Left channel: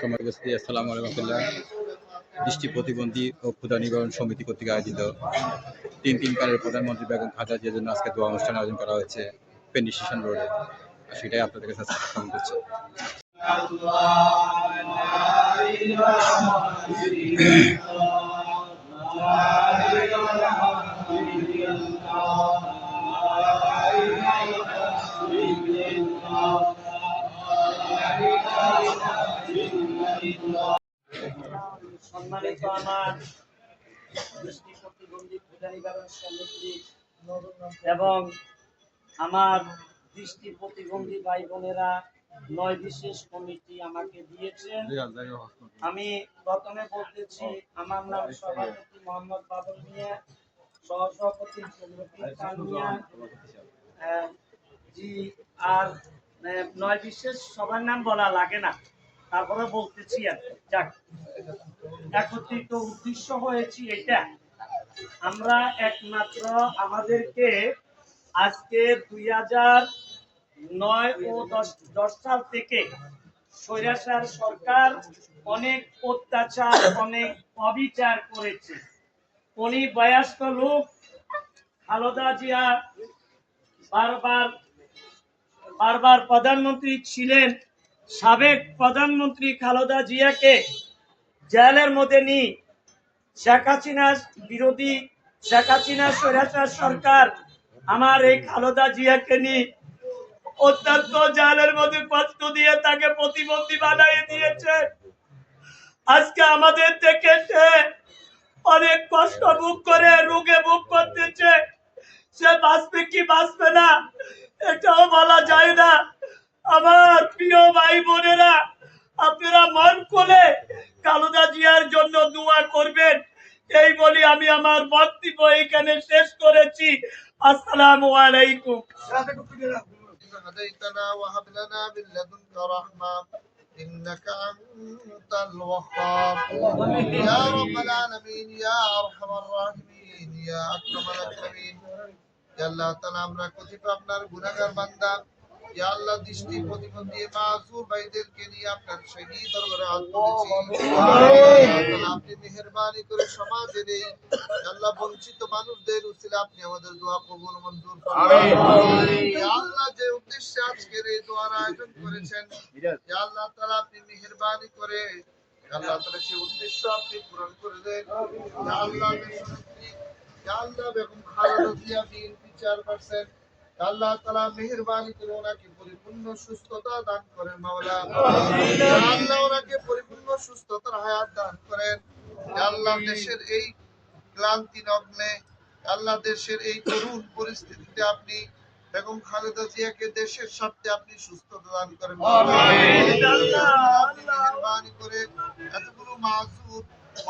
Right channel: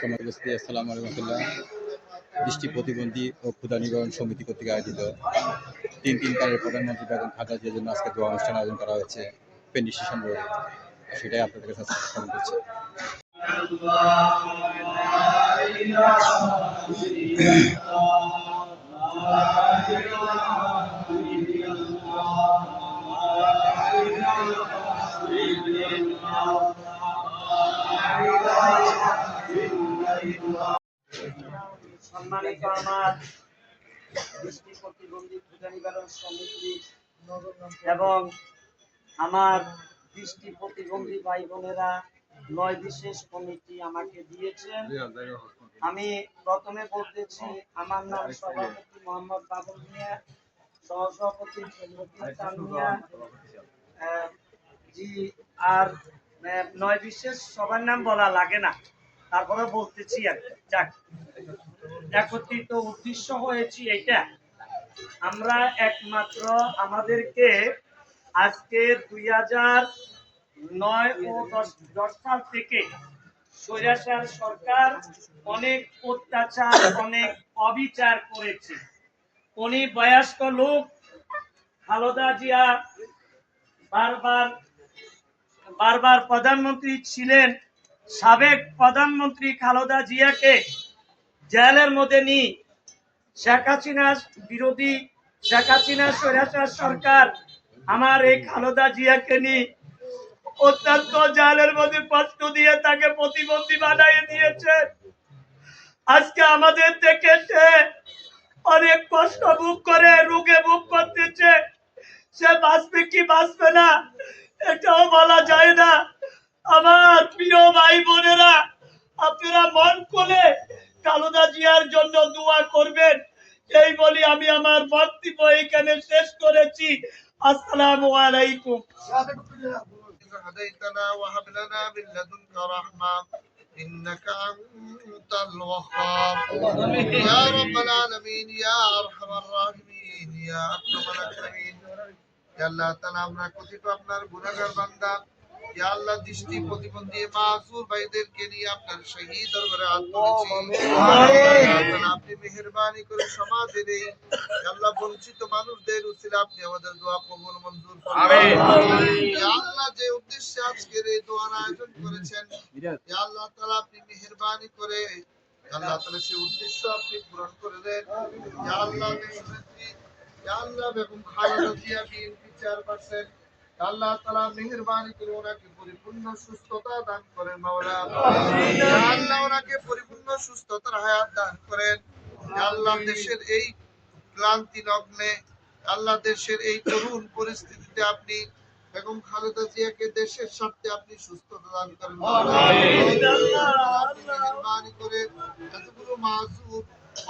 সময় উপস্থিতি আসসালামু আলাইকুম রহমতুল্লাহ। দৃষ্টি প্রতিবন্ধী ও ক্ষুধা নিবারণ সমিতি কর্তৃক আয়োজিত তিনবারের প্রধানমন্ত্রী বেগম খালেদা জিয়ার জন্য আজকে দোয়া অনুষ্ঠান আয়োজন করা হয়েছে ফেনী স্টেশন রোডে। সেটাই আপনাদের কাছে স্থাপন করছি। সম্মানিত আমার দৃষ্টি প্রতিবন্ধী ক্ষুধা নিবারণ সমিতি এবং আমার দৃষ্টি প্রতিবন্ধী ভাই বোনেরা ৯ বিশেষ কমিটি আমাকে দিয়েছেন। আমি প্রথমে বলতেছি, আমার নাম সভাপতি মোহাম্মদ বাবুল মিয়া, সহসভাপতি জি। আর ৯ বিশেষ সবার নাম বলা লাগে না, তারপরে বলতেছি আর যাক। একত্রিত উদ্দেশ্য হয়েছি এটা, আমরা একমাত্র আমাদেরকে আজকে 2009 ও 10 সাল থেকে স্বৈরাচার সরকার অনেক অত্যাচার, অনেক অবিচার করেছে। উনি বয়স্ক লোক, খালেদা জিয়া বারবার প্রধানমন্ত্রী ছিলেন। সাবেক প্রধানমন্ত্রী খালেদা জিয়াকে জেলের মধ্যে নিয়ে শেখ হাসিনার বিরোধী, শেখ হাসিনার স্বৈরাচার সরকার আমার এই খালেদা জিয়াকে নিয়ে অত্যন্ত জেলের মধ্যে কষ্ট দিয়ে তাকে প্রতিবন্ধী বানিয়ে দিয়েছে। আজকে আমাদের থেকে অনেক কষ্ট ভোগ করে, রোগে ভোগ করতেছে। সে বাঁচবে কি বাঁচবে না এটাও বলা যায় না। আমার প্রিয় ভাই বোনেরা, আপনারা মন খুলে খালেদা জিয়ার জন্য দোয়া করবেন, এই বলি আমি আমার বক্তব্য এখানে শেষ করেছি। আসসালামু আলাইকুম। هديتنا وهب لنا من لدنك رحمة إنك أنت الوهاب يا رب العالمين يا أرحم الراحمين يا أكرم الأكرمين يا الله تعالى আমরা কতিপয় আপনার গুনাহগার বান্দা, ইয়া আল্লাহ দৃষ্টি প্রতিবন্ধী মাসুর ভাইদেরকে নিয়ে আপনার শহীদ দরবারে হাত তুলেছি। আল্লাহ আপনি মেহেরবানি করে সমাজের এই আল্লাহ বঞ্চিত মানুষদের উসিলে আপনি আমাদের দোয়া কবুল মঞ্জুর করুন। আমিন। ইয়া আল্লাহ যে উদ্দেশ্যে আজকের এই দোয়ার আয়োজন করেছেন, ইয়া আল্লাহ তাআলা আপনি মেহেরবানি করে আল্লাহ তাআলা সেই উদ্দেশ্য আপনি পূরণ করে দেন। ইয়া আল্লাহ দেশনেত্রী, ইয়া আল্লাহ বেগম খালেদা জিয়া বিএনপি চেয়ারপারসন, আল্লাহ তাআলা মেহেরবানি করে ওনাকে পরিপূর্ণ সুস্থতা দান করেন মাওলা। আল্লাহ ওনাকে পরিপূর্ণ সুস্থতার হায়াত দান করেন। আল্লাহ দেশের এই ক্লান্তি লগ্নে, আল্লাহ দেশের এই করুণ পরিস্থিতিতে আপনি বেগম খালেদা জিয়াকে দেশের স্বার্থে আপনি সুস্থতা দান করেন মাওলা। আপনি মেহেরবানি করে এতগুলো মাযুর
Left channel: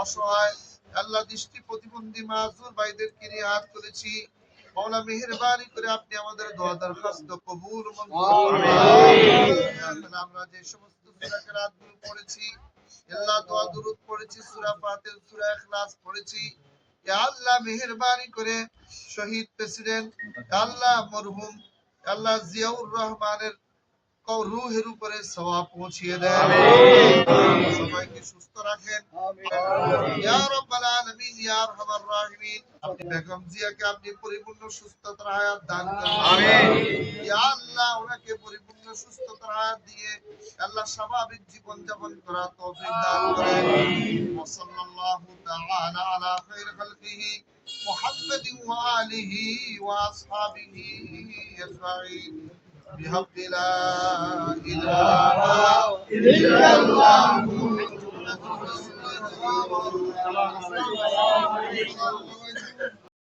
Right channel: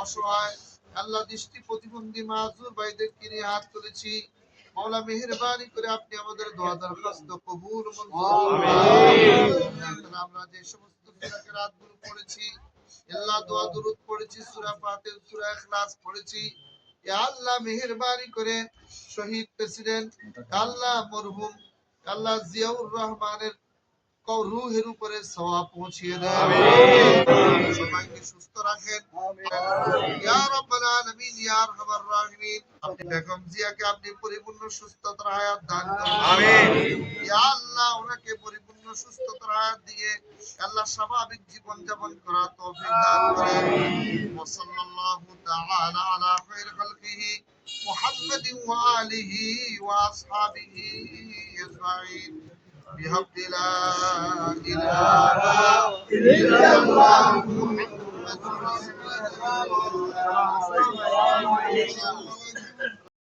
অসহায় আল্লাহ দৃষ্টি প্রতিবন্ধী মাযুর ভাইদেরকে নিয়ে হাত তুলেছি, মাওলা মেহেরবানি করে আপনি আমাদের দোয়া দরখাস্ত কবুল মঞ্জুর করুন। আমিন। আমরা যে সমস্ত সূরা কেরাতগুলো পড়েছি, আল্লাহ দোয়া দুরূদ পড়েছি, সূরা ফাতিহা, সূরা ইখলাস পড়েছি, ইয়া আল্লাহ মেহেরবানি করে শহীদ প্রেসিডেন্ট আল্লাহ মরহুম আল্লাহ জিয়াউর রহমানের রূহের উপরে সওয়াব পৌঁছিয়ে দেন। আমিন। সবাইকে সুস্থ রাখেন। ইয়া রাব্বাল আলামিন ইয়া আরহামার রাহিমিন। আপনি বেগম জিয়াকে আপনি পরিপূর্ণ সুস্থতার হায়াত দান করুন। আমিন। ইয়া আল্লাহ ওনাকে পরিপূর্ণ সুস্থতার হায়াত দিয়ে আল্লাহ স্বাভাবিক জীবন যাপন করার তৌফিক দান করেন। ওয়া সাল্লাল্লাহু তাআলা আলা খায়রি খালকিহি মুহাম্মাদিন ওয়া আলিহি ওয়া আসহাবিহি আজমাইন بحق لا إله إلا الله محمد رسول الله